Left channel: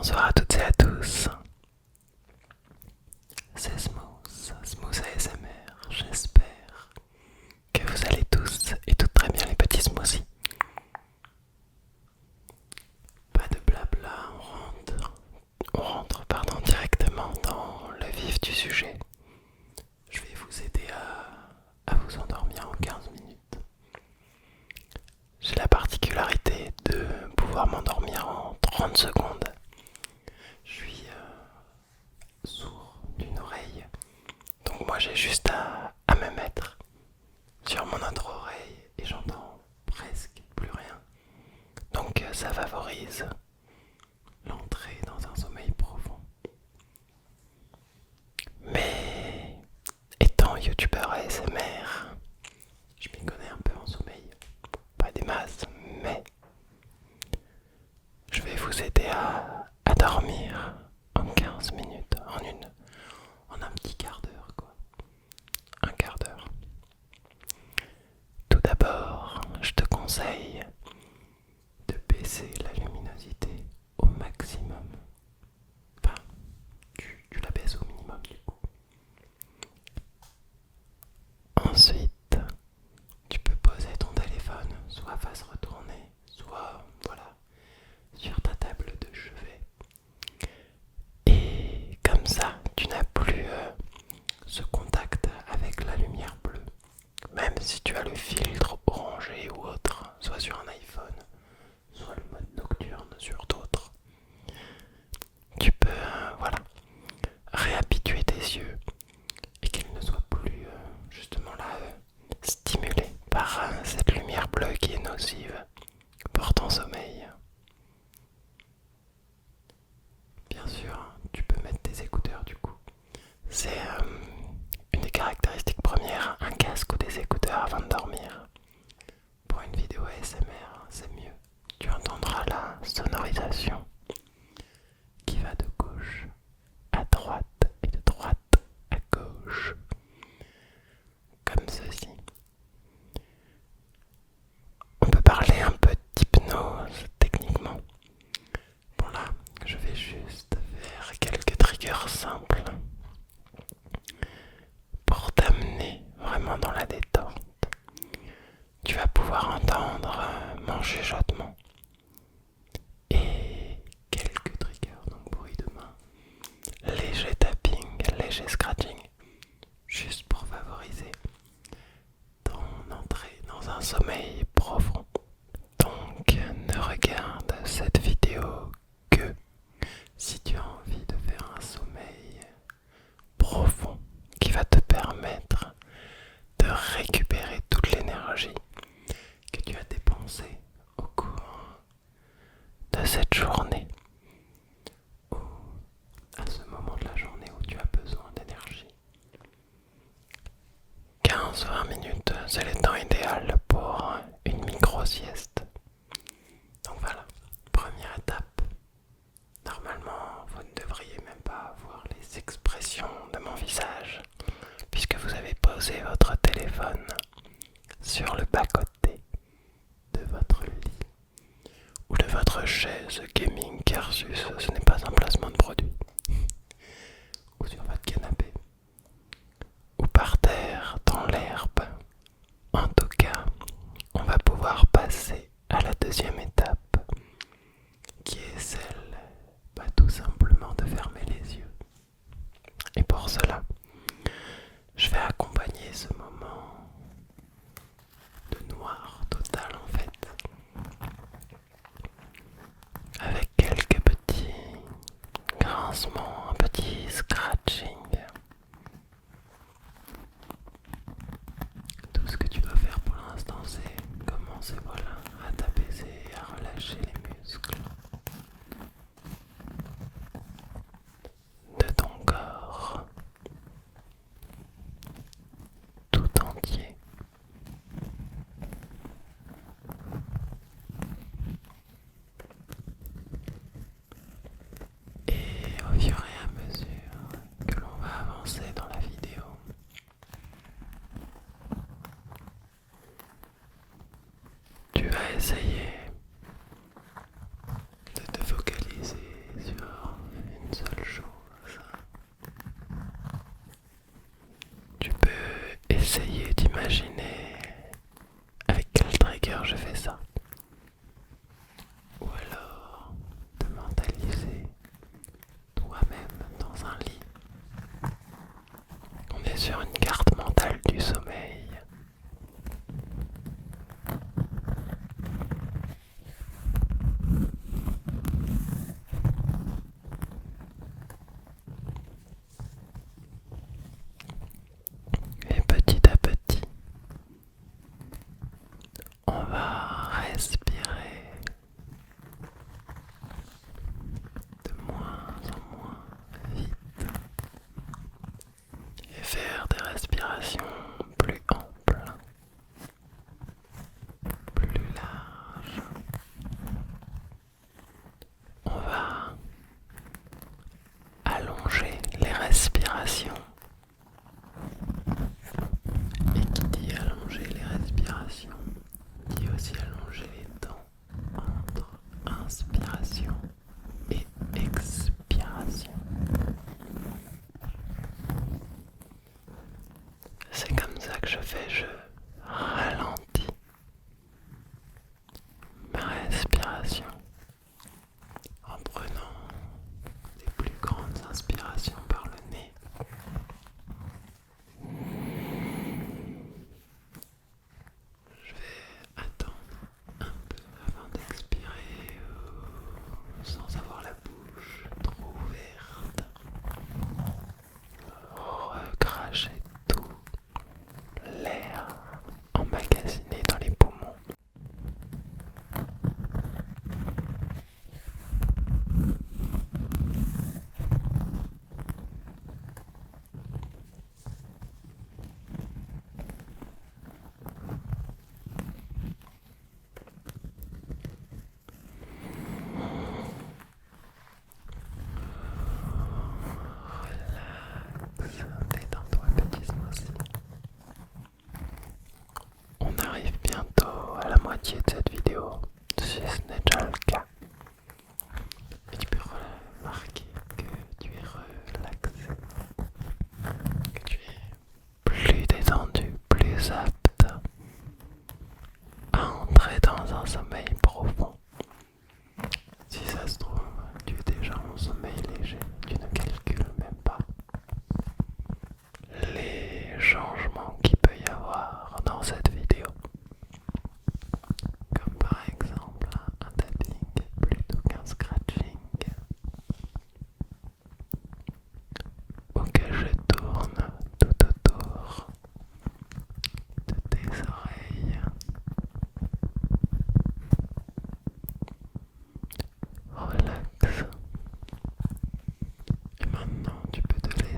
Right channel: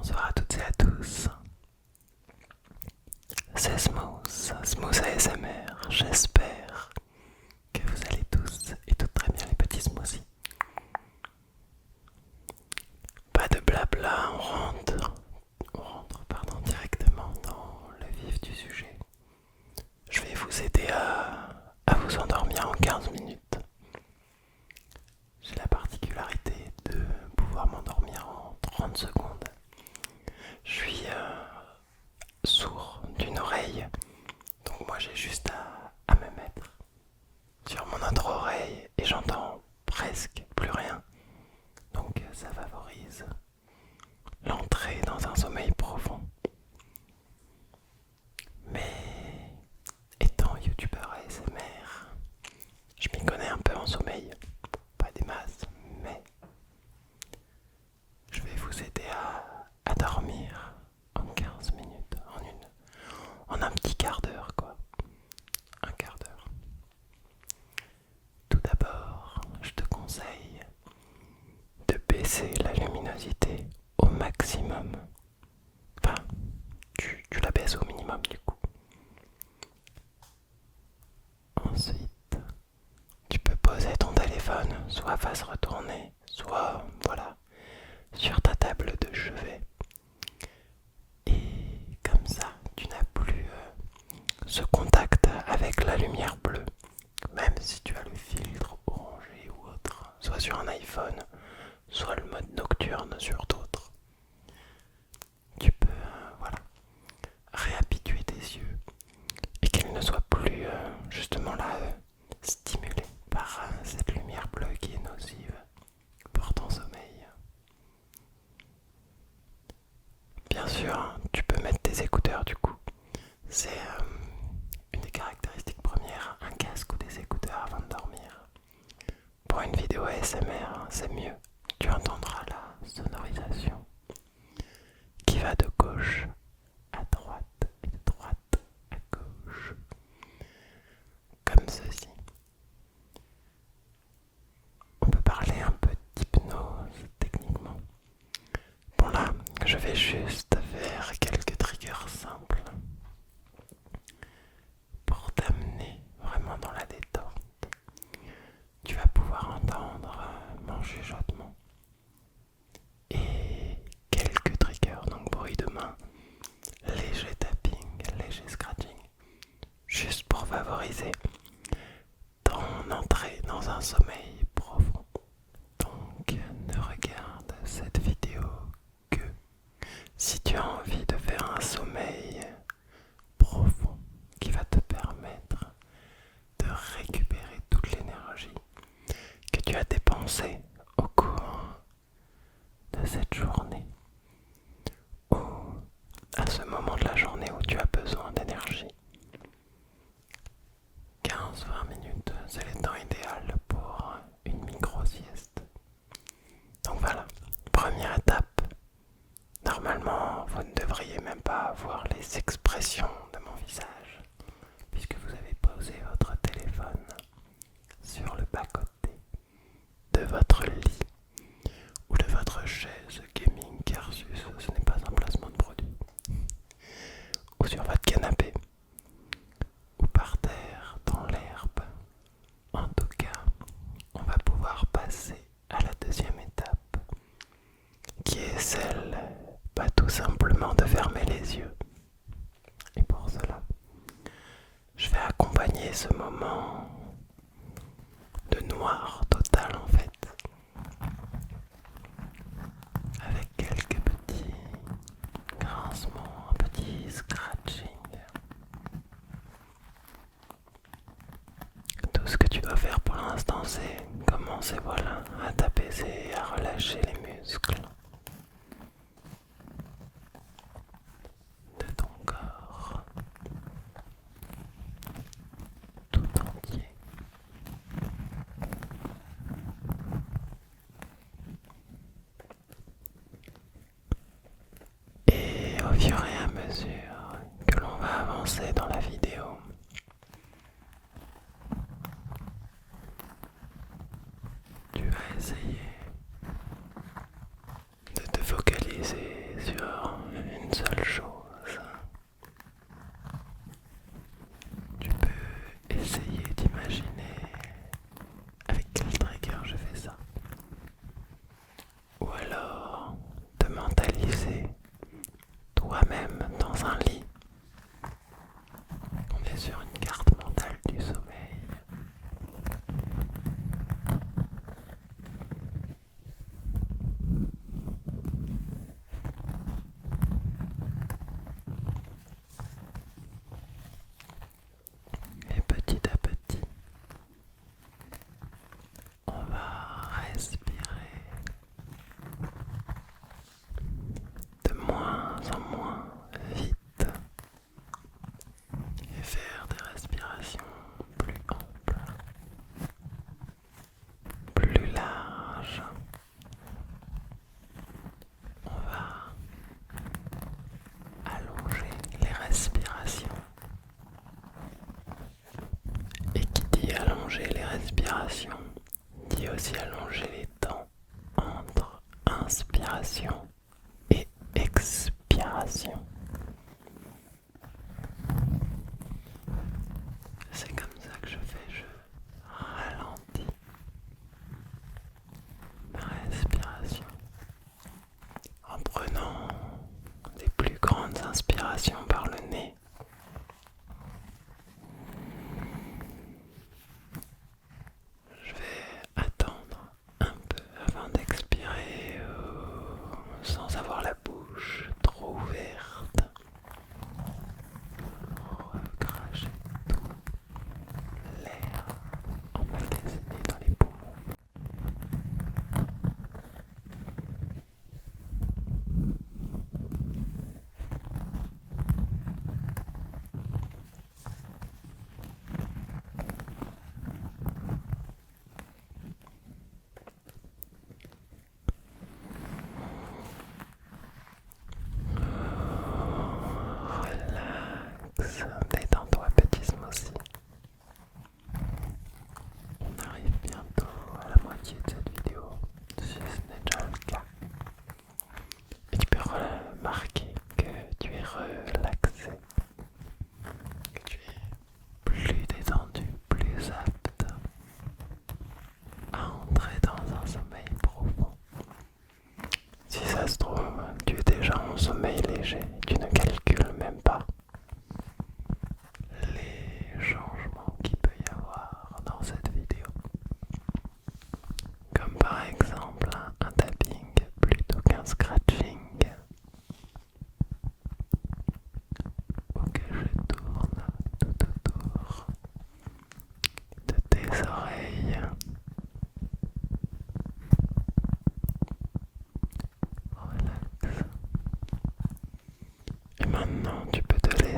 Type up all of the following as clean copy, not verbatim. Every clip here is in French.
Bonsoir à toutes et à tous, c'est Smooth ASMR, j'espère que vous allez tous et toutes très bien les petits smoothies. Pas de blabla, on rentre directement dans le vif du sujet. Je vais vous aider à vous endormir en 15 minutes. J'ai la particularité de pouvoir m'endormir en 30 secondes. Je suis sourd d'une oreille, donc moi j'ai juste à me mettre sur mon autre oreille et j'entends presque plus rien. Donc ça favorise l'entrée dans un sommeil profond. Mais étant youtubeur ASMR, je m'y connais un peu en sommeil. Pas des masses, mais je vais vous aider à dormir en 15 minutes, en un petit quart d'heure quoi. Un quart d'heure. Tout d'abord, je te conseille de baisser la luminosité au maximum. Enfin, tu la baisses au minimum du coup. Ensuite, tu peux poser ton téléphone soit face retournée, soit voilà, sur ta table de chevet. Et comme ça, tu n'as plus ce contact avec la lumière bleue. Même si tu as le filtre orangé ou autre, soit sur un iPhone, soit le mode nocturne sur d'autres, tu peux voilà, réhabituer tes yeux et qu'ils ne soient plus justement là stimulés par cette lumière bleue qui est nocive pour ton sommeil. Bien sûr, tu peux mettre tes écouteurs du coup. C'est une des caractéristiques premières, un casque ou des écouteurs avant de dormir. Pour une vidéo ASMR, c'est mieux. Tu entendras la sonorisation qui va de gauche à droite et de droite à gauche, comme ceci. On peut parler un peu d'hypnose techniquement. Bon là, je vais juste faire quelques triggers simples pour t'amener vraiment dans la détente. Tu vas pouvoir entendre mon chuchotement et quelques triggers, donc bruit de main, léger tapping, léger scratching, juste pour favoriser ton entrée dans un sommeil profond. Donc ne regarde cette vidéo que si tu as envie de faire un sommeil profond qui va te permettre de récupérer toute l'énergie que tu as dépensée au cours de cette journée ou à ce moment de la journée où tu as besoin d'énergie. 15-20 minutes, c'est le temps idéal pour une micro-sieste. Donc voilà, première étape. Normalement, vous ne devriez même pas voir les expressions de mon visage puisque vous avez posé votre téléphone sur le bas-côté de votre lit ou de votre chaise gaming Carsus, ce n'est pas un placement de produit, ou sur votre canapé, ou par terre dans l'herbe. En tout cas, on va pouvoir passer à la deuxième étape, qui est celle, tout simplement de fermer les yeux. Et pour cela, je vais accompagner ce moment de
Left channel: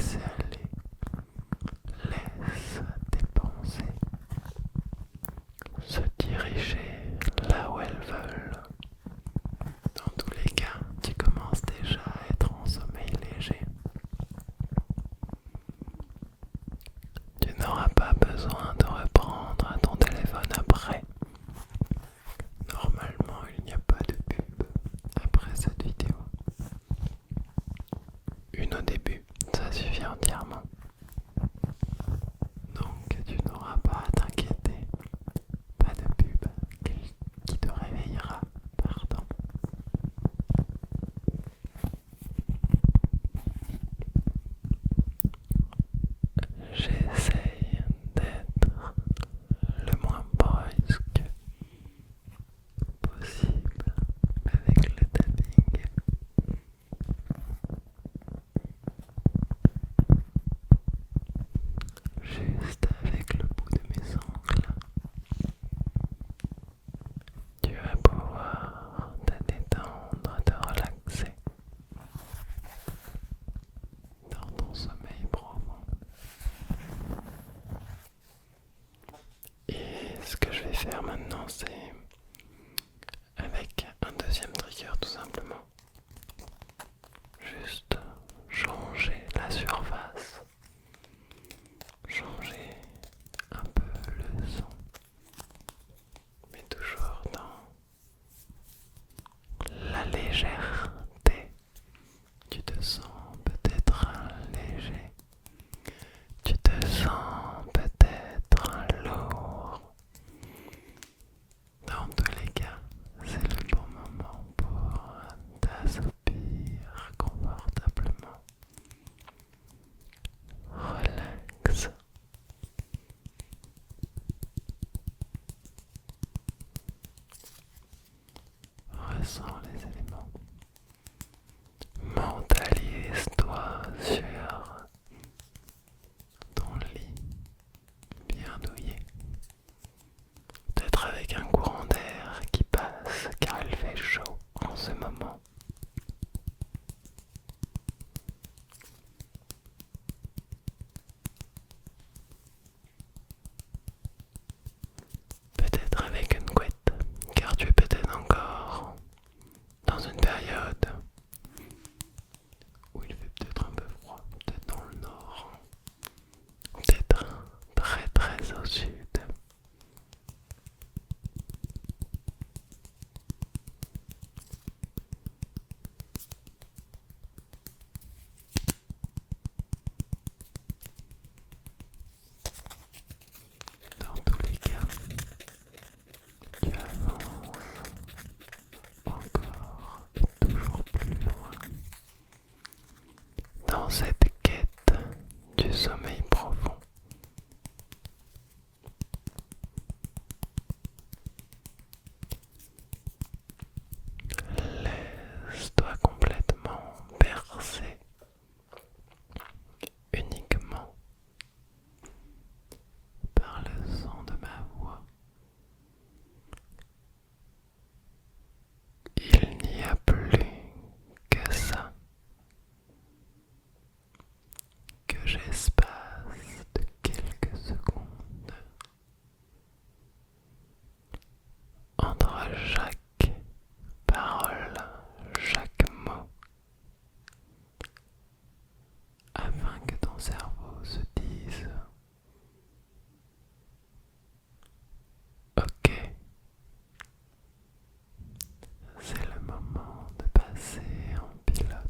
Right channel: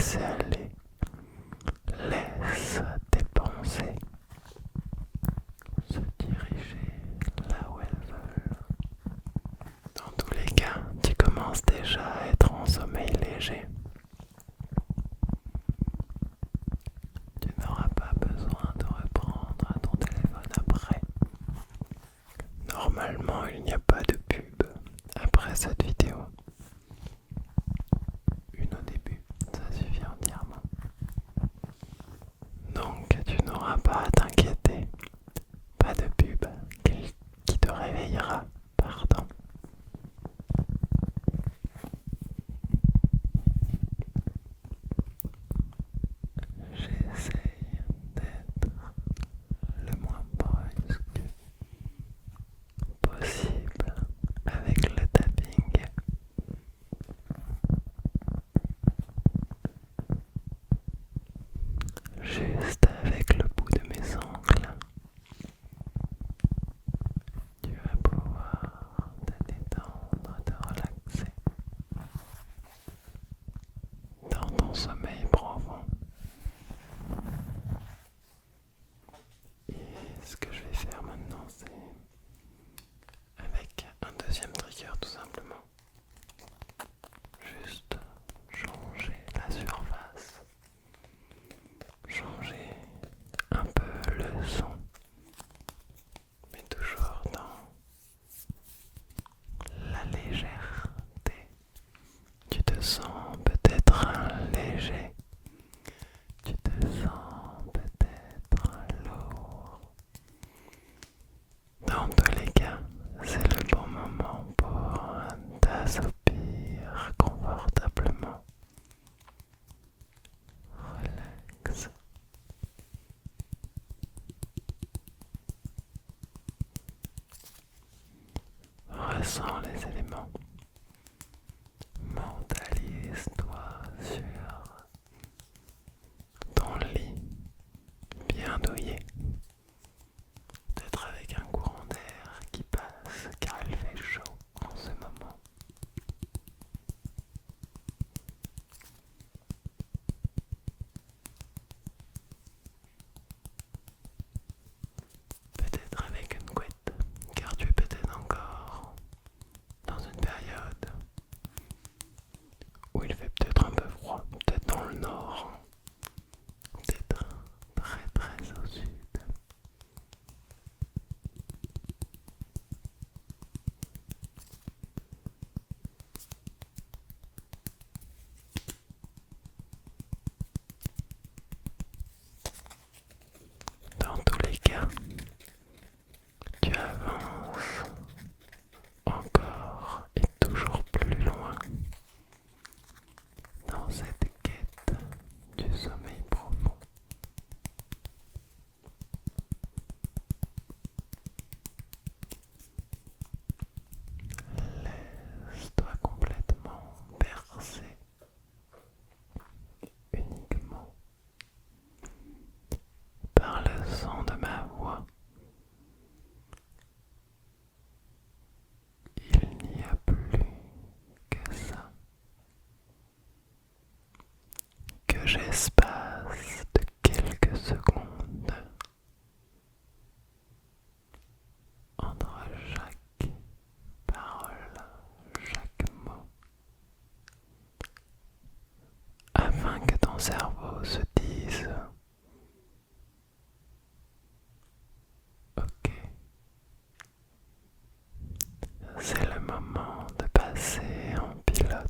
laisser aller. Laisse tes pensées se diriger là où elles veulent. Dans tous les cas, tu commences déjà à être en sommeil léger. Tu n'auras pas besoin de reprendre ton téléphone après. Normalement, il n'y a pas de pub après cette vidéo. Une au début, ça suffit entièrement. Donc, tu n'auras pas à t'inquiéter. Pas de pub qui te réveillera. Pardon. J'essaye d'être le moins brusque possible avec le tapping. Juste avec le bout de mes ongles, tu vas pouvoir te détendre, te relaxer dans ton sommeil profond. Et ce que je vais faire maintenant, c'est avec un deuxième trigger tout simplement. Juste changer la surface, changer un peu le son, mais toujours dans la légèreté. Tu te sens peut-être léger, tu te sens peut-être lourd. Dans tous les cas, c'est le bon moment pour t'assoupir confortablement. Relax. Ressens les éléments. Mentalise-toi sur ton lit bien douillet. Peut-être avec un courant d'air qui passe car il fait chaud en ce moment. Peut-être avec une couette car tu es peut-être encore dans une période où il fait peut-être un peu froid, peut-être dans le nord, peut-être très très au sud. Dans tous les cas, tu avances encore et toujours plus loin dans cette quête du sommeil profond. Laisse-toi complètement bercer uniquement par le son de ma voix. Il n'y a plus que ça, que j'espace de quelques secondes entre chaque parole, chaque mot, afin que ton cerveau se dise ok, c'est le moment de passer en pilote.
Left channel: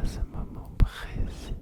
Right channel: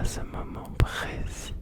à ce moment précis.